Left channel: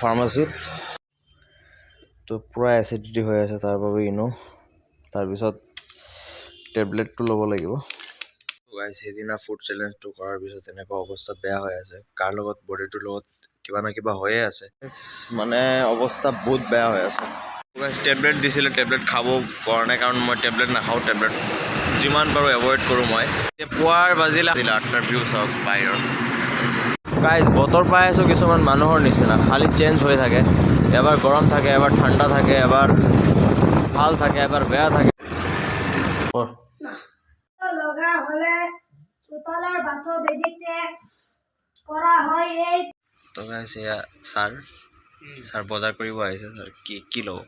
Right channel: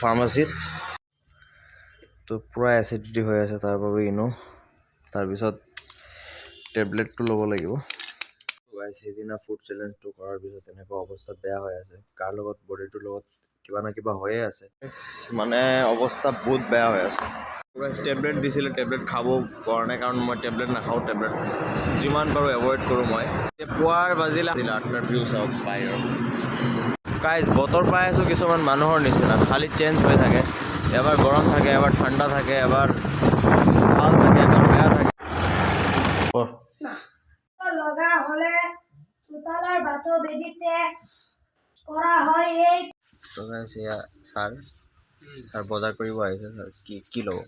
ফাৰ্মাচীত তো পূৰা এচিডিটি হৈ আছে তাৰ বাবে ইনো তাৰপিছত টেবলেটটো ল'ব লাগিব। গাইজ সেইদিনা ফুড চেলেঞ্জটো কৰাৰ পিছত এনেকুৱা অৱস্থা বেয়া হৈ আছে। কাৰ লগত বডিটোৰ লগত কিবা না কিবা হৈয়ে আছে। মানে অৱস্থা বহুত বেয়া হৈ আছে। গাইজ টেবলেট দিছিলে টেবলেট খাব পৰা নাই কাৰণ মই টেবলেট নাখাওঁ টেবলেট যিমান পাৰোঁ এভইড কৰোঁ মই। পুৱাৰ বাজিলে আঠটাৰ ভিউ চাওক বাহিৰৰ। গাইজ বতৰ পাই আছোঁ কিছুমান মানুহৰ নিচিনা। খালি চেঞ্জ হৈ থাকে। এবাৰ গৰম থাকে এবাৰ ঠাণ্ডা থাকে এবাৰ ভালো থাকে এবাৰ বেয়া থাকে। লগা হলে চোতালৰ বাথৌ বেদীতে কৰা হয় এই তো গাইজ এয়া ছাৰ। ছাৰ বজাৰ কৰিব আহিছে ছাৰ। কি কি ল'ব?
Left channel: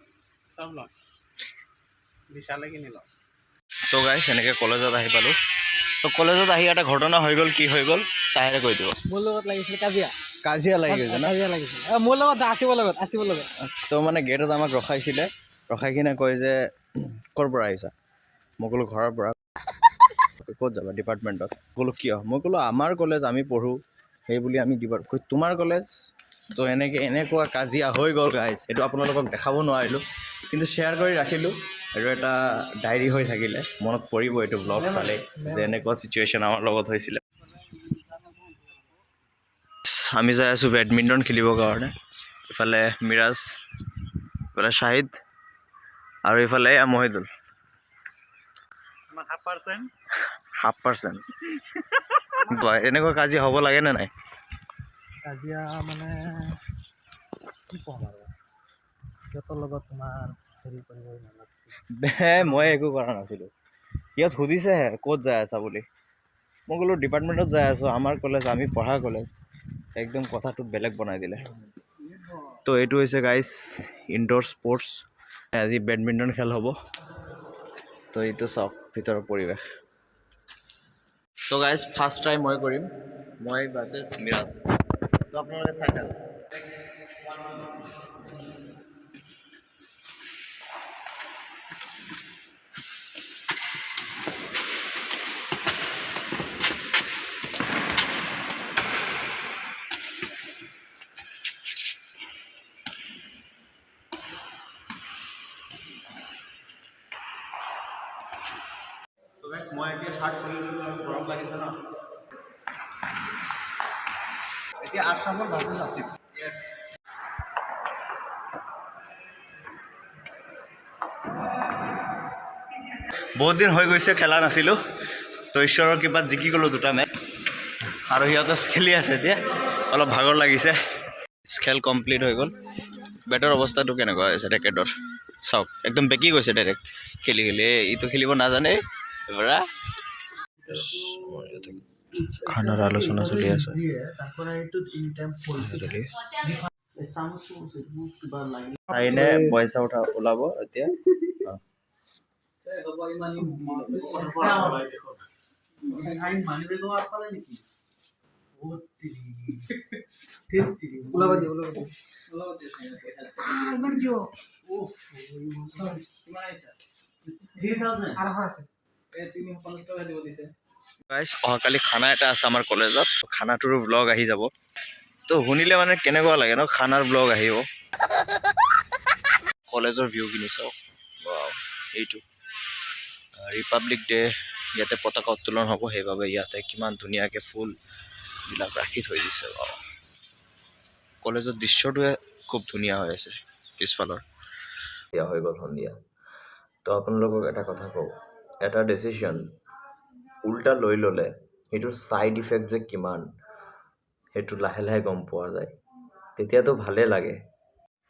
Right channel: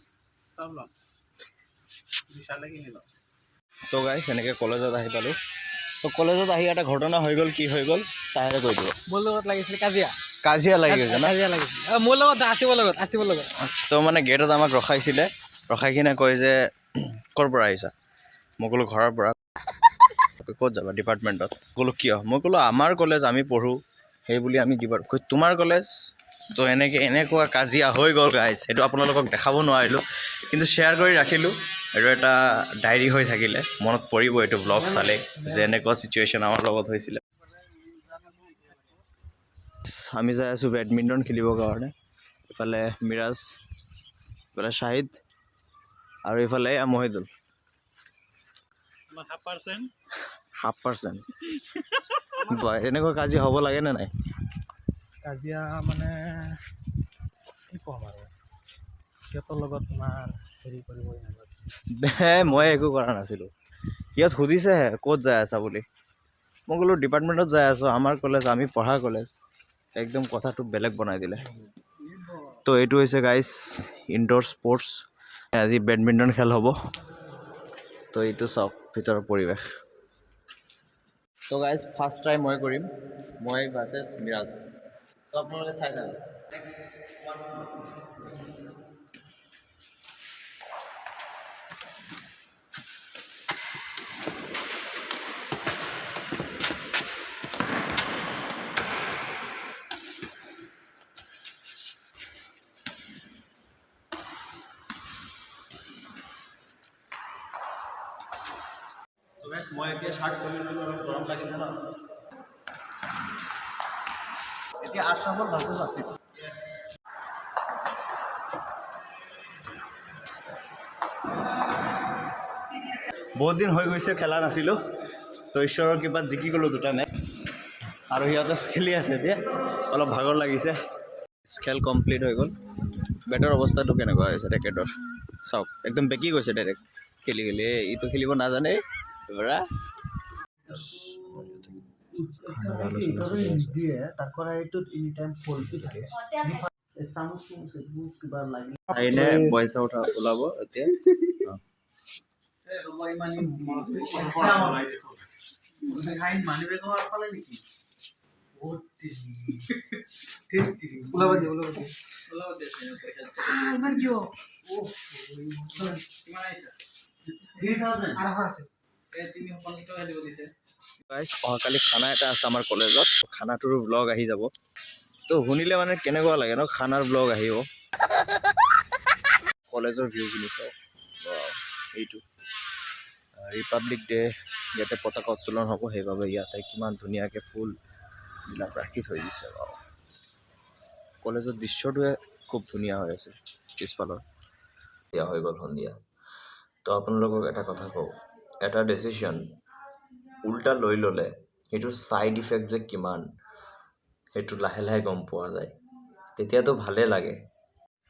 চব ল'ম। বিশালে কিনি ল'ম তো গাইজ এনেকৈ কলেজত আহি পালোঁ। তো কলেজত আহি এটা ঘটনা হৈ গ'ল কি হৈ গ'ল? তাহেৰে কৈ দিব মোৰ লগত লাগিছিলে কাজিয়া। কাজিয়া লাগি গৈছে ন? কাজিয়া লাগিছিলে মোৰ লগত আছিব লগত আছিব লগত। তো মানে গেটত আমাক ৰখাইছিলে। ৰখাই কিনে কয় যে ক'ৰ পৰা আহিছা? মই ক'লোঁ ঘৰৰ পৰা। ক'ত যাবা ডিপাৰ্টমেণ্টত? ক'লোঁ কিয়? মই ক'লোঁ আমাৰ কলেজ আমি পঢ়োঁ। সেই বুলি আমি ডিপাৰ্ট কৈ তোমাৰ কলেজ? তো এনেকৈ এনেকুৱা কাজিয়া হৈ গ'ল গাইজ সেইটো আপোনালোকক দেখাব নোৱাৰিলোঁ। কিন্তু শ্বেয়াৰ কৰি ৰাখিলোঁ। আৰু এটা ডায়েৰী হৈ থাকিলে। মনত পৰিব এইটো ব্লগ চালে যে এনেকুৱা চিটুৱেশ্যন আমাৰ লগত হৈছিলে। আমি যাই আছোঁ বেডমিণ্টন খেলিবৰ কাৰণে। ইফালে মিৰাজ ইফালে শ্বাহিদ আৰু ইফালে Mohidul. Half percent half percent এনেকুৱা কাজিয়া হ'ব লাগেনে নাই? কাজিয়া মানে কি ক'ম আৰু? সিহঁতৰ লগত তোমাৰ হেৰি কৰিবই নালাগে। মই একো কৰা নাছিলোঁ। ইয়াত সুধিছেহে ক'ত যাই আছা বুলি? মই ক'লোঁ ডিপাৰ্টমেণ্টত যাই আছোঁ আমাৰ কলেজ আমি পঢ়া কলেজ একদম কথাটো বেলেগ বনাই দিলে। তো এইটো হৈছে গাইজ ইনড'ৰ স্পৰ্টছ আজি বেডমিণ্টন খেল হ'ব। তো এইটো চাওক, ভিতৰৰ পৰিৱেশ। তো গাইজ ফাৰ্ষ্ট ট্ৰাই মই কৰিম। মই ভাৰ্চেছ মিৰাজ। তো আপোনালোকে চাই মই এতিয়া চাৰ্ট খুলি ল'লোঁ অলপ গৰম লাগিছে ন? এতিয়া আশ্ৰাফল ভাৰ্চেছ আছিফ বহুত দিন হৈ গৈছে খেলা নাছিলোঁ তো ঈশ্বৰৰ কৃপাত জিকি গ'লোঁ দুটা মেচ আৰু সিহঁতে খেলি আছে এতিয়া অলপ ভাগৰ লাগিছে। খেল কমপ্লিট হৈ গ'ল। বেটৰ অৱস্থাটো কেনেকুৱা হৈছে ৰেকেটৰ চাওক একদম বেকি গৈছে ডাইৰেক্ট খেলি খেলি এই ইটো খেলিব নাজানে এবাৰা খানাৰ আলোচনা চলি আছে। আইনে পইচা উঠা ওলাব এতিয়া। দিয়ে ইমান কিয়? আঢ়ৈশ আছে। গাইজ অহাকালি খানা এটা আছে আমাৰ কলেজত। খানাটোৰো ব্লগ আহি যাব। তো শুনিলে মানে কেনেকুৱা লাগে ন? খানাৰ ব্লগ আহিব। কলেজৰ ভিউখিনি চাওক। এইটো। ৰিপাব্লিক ডে ইয়াতে পতাকা উত্তোলন হ'ব, সেইবাবে ইয়াতে কিমান ধুনীয়াকৈ ফুলবিলাক ৰাখি থৈ দিছে। Wow. কলেজৰ দৃশ্যটোৱে খুব ধুনীয়া হৈ আছে। পিছফালৰ। দিয়া হৈ গ'ল সন্ধিয়া। তো আপোনালোকক এটা কথা কওঁ। এটা ডিচিশ্যন উল্টা লৈ ল'লে সেইটোৰ ছাইড ইফেক্ট যে কিমান, সেইটো লাহে লাহে গম পোৱা যায়। তেতিয়াতো ভালেই লাগে।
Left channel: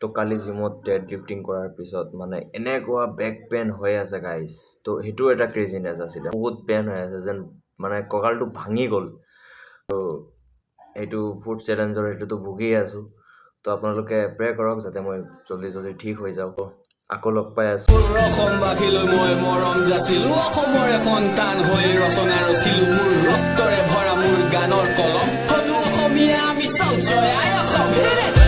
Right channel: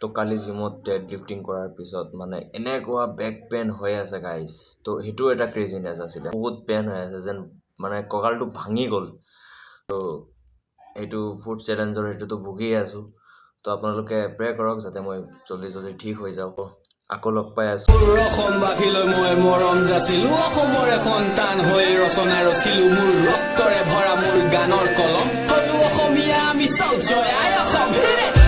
তো কালি জিমত ডেড লিফটিং কৰাৰ পিছত মানে এনেকুৱা বেক পেইন হৈ আছে গাইজ তো সেইটো এটা ক্ৰেজিনেছ আছিলে। বহুত পেইন হৈ আছে যেন মানে কঁকালটো ভাঙি গ'ল। তো সেইটো ফুড চেলেঞ্জৰ সেইটোতো ভুগিয়ে আছোঁ। তো আপোনালোকে প্ৰে কৰক যাতে মই জল্দি জল্দি ঠিক হৈ যাওঁ। আকৌ লগ পাই আছোঁ। মোৰ অসমবাসীলৈ মই মৰম যাচিলো। অসমৰে সন্তান হৈ ৰচনা ৰচিলো। মোৰ ৰক্তৰে ভৰা মোৰ গানৰ কলম। হলো অসমীয়া আমি চব জয় অসম।